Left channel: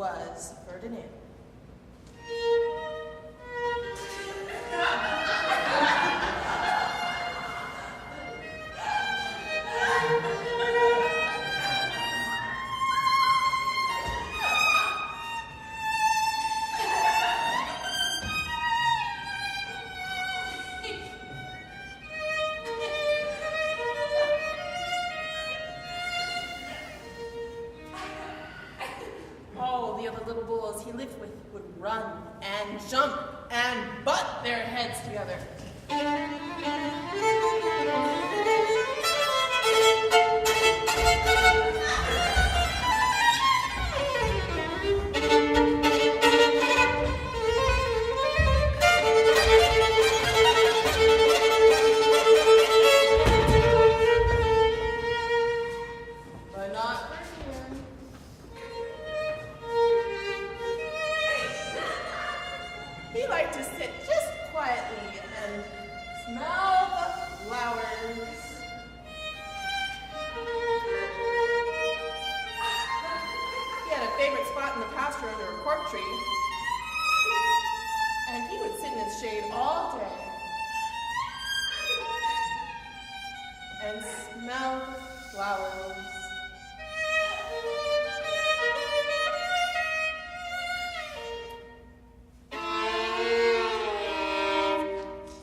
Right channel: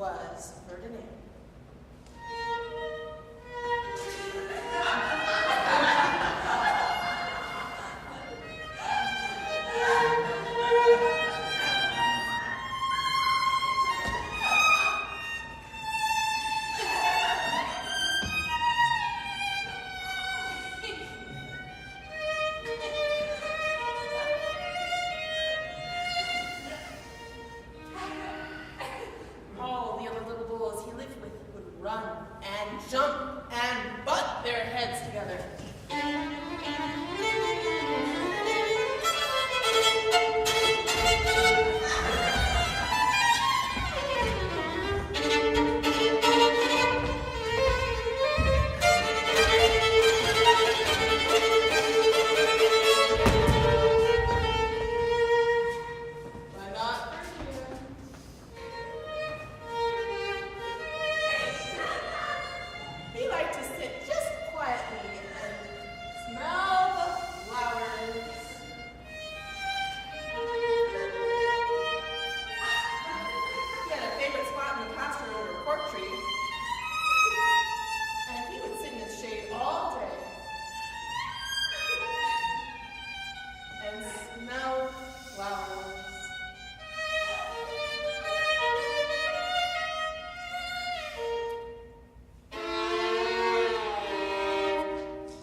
was Ferdinand. He lived with would run and jump and butt their heads together.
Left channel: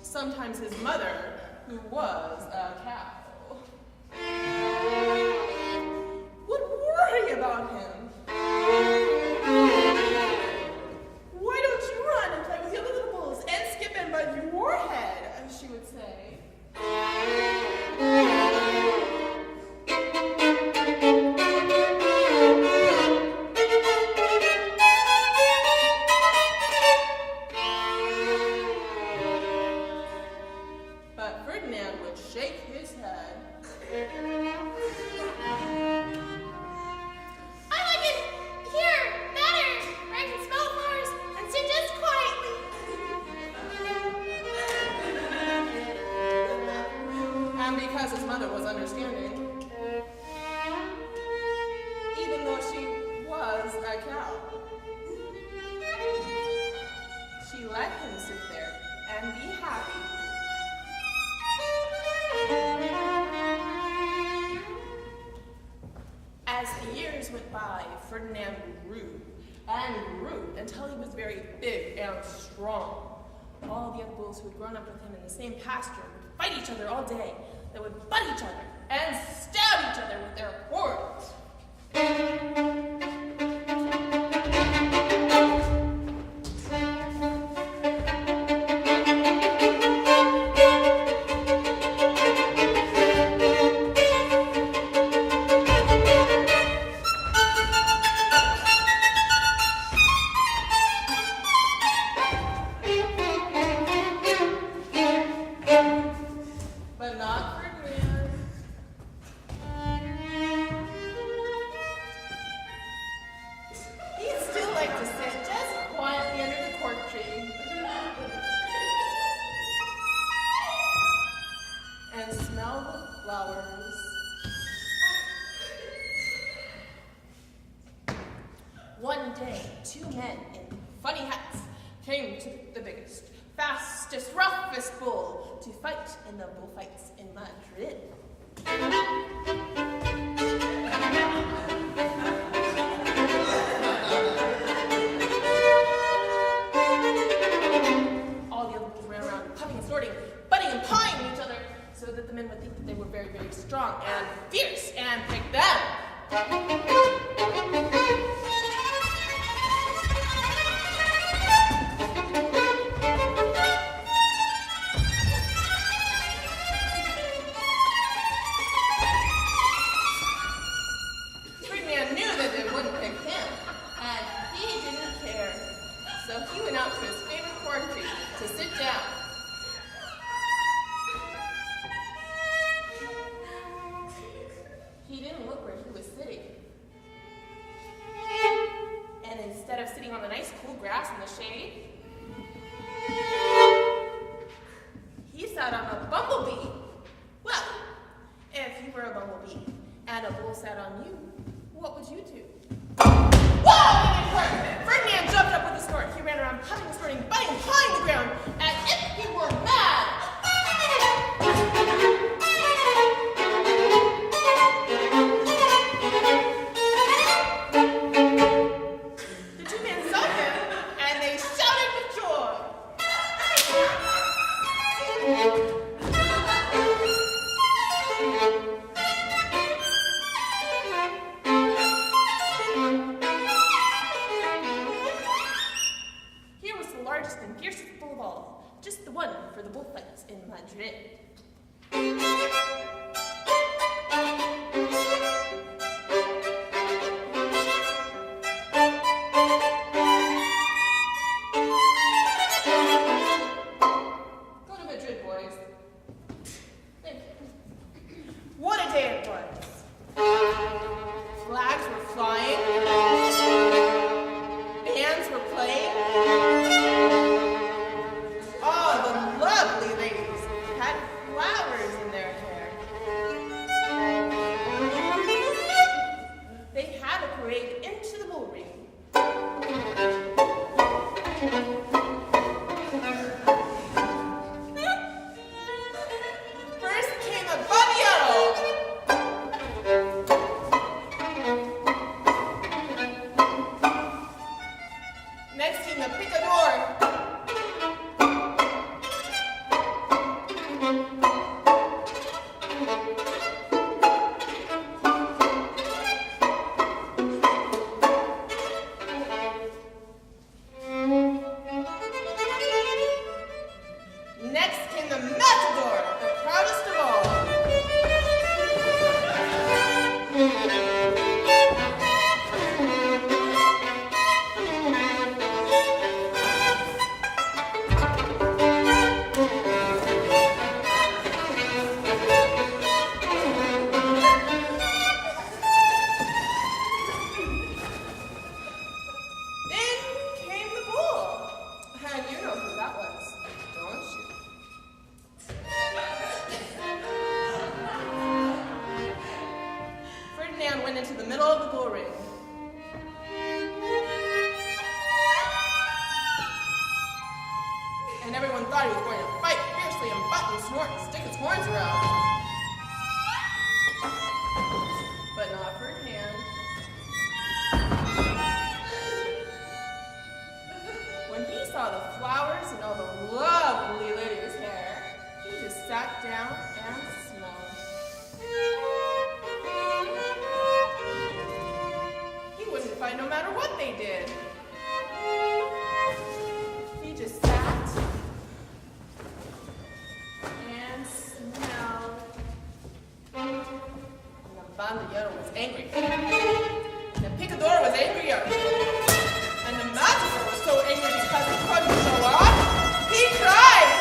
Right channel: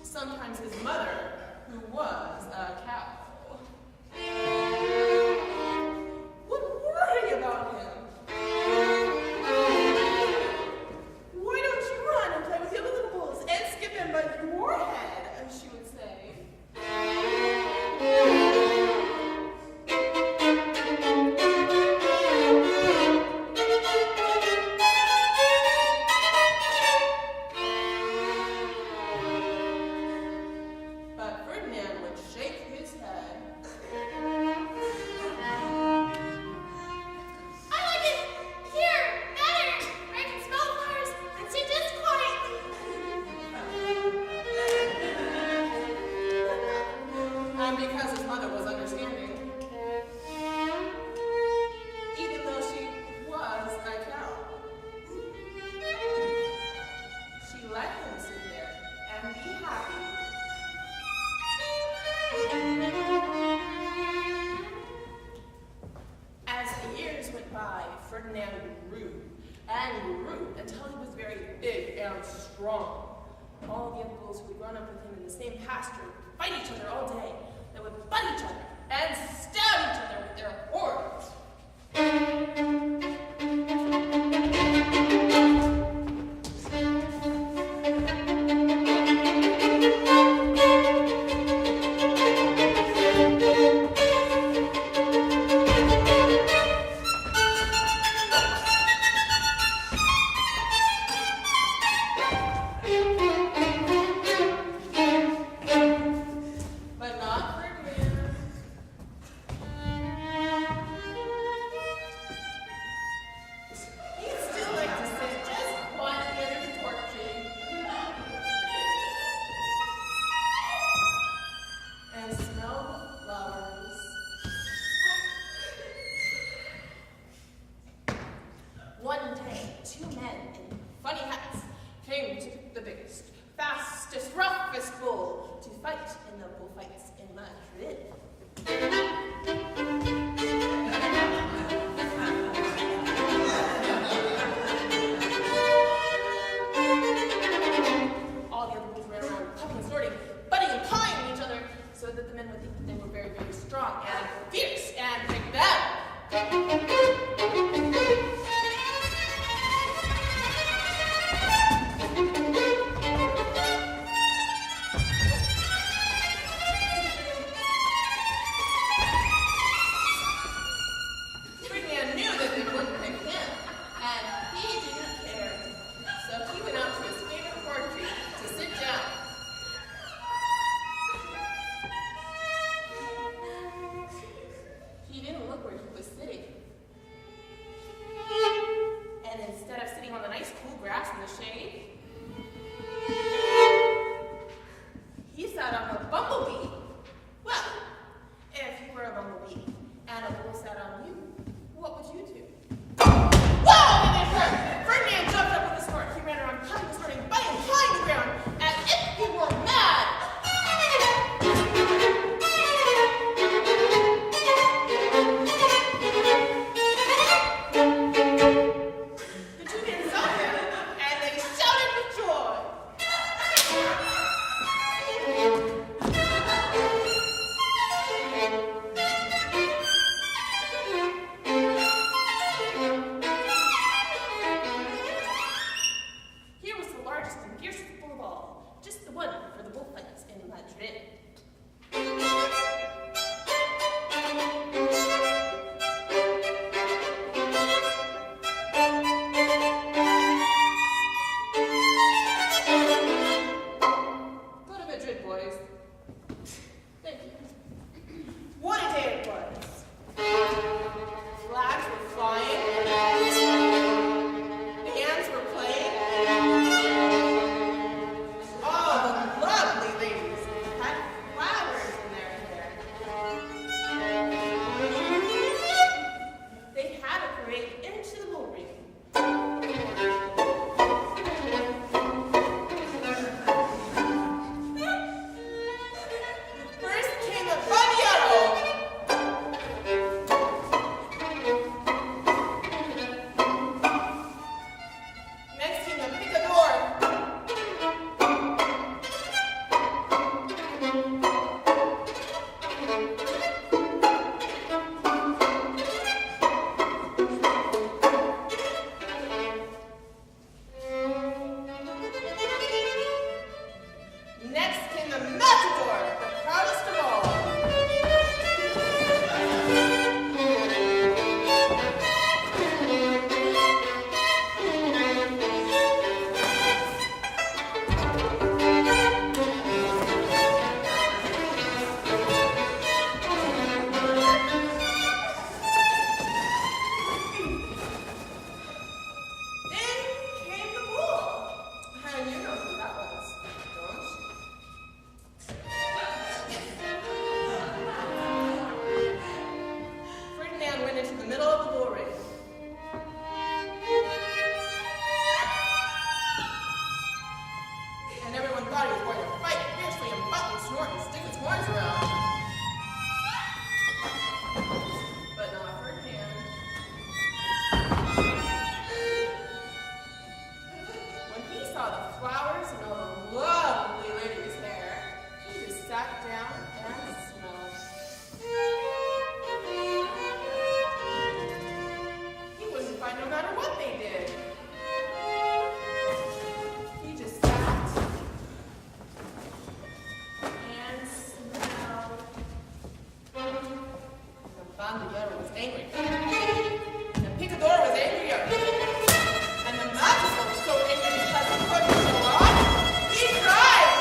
Sometimes his mother, who was a cow, would worry about him. Why don't you run and play with the other little bulls and skip and bud your head, she would say. Ferdinand grew and grew until he was very big and strong. All the other bulls who had grown up with him in the same pasture would fight each other all day. They would butt each other and stab each other with their horns. One day, two men in funny hats came to pick the biggest, fastest, roughest bull to fight in the bullfights in Madrid. All the other bulls ran around puffing and snorting, butting and pawing each other so that the men would think that they were very, very strong and fierce and pick them. And a bull sat on you, what would you do? Whoa! went into the middle of the bull ring. And everyone thought he was going to fight fiercely and butt and snort and stick his horns around. But not Ferdinand. When he saw the flowers and all the lovely ladies' hair, he just sat down and smelled. He wouldn't fight no matter what they did. He just sat and smelled. And the bandillero was angry. And the picador was angrier. And the matador was so angry because he couldn't show off, he cried.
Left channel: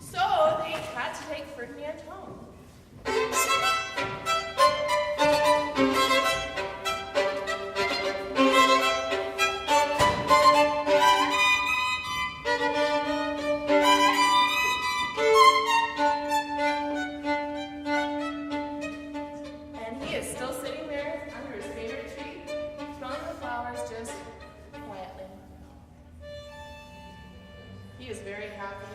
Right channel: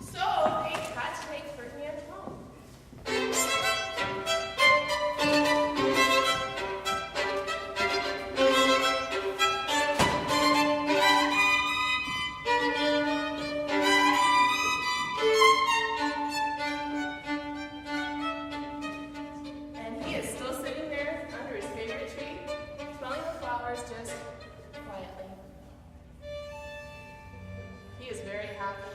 So they had to take Ferdinand home. And he is still sitting there under his favorite tree, smelling the flowers just quietly. He is very happy.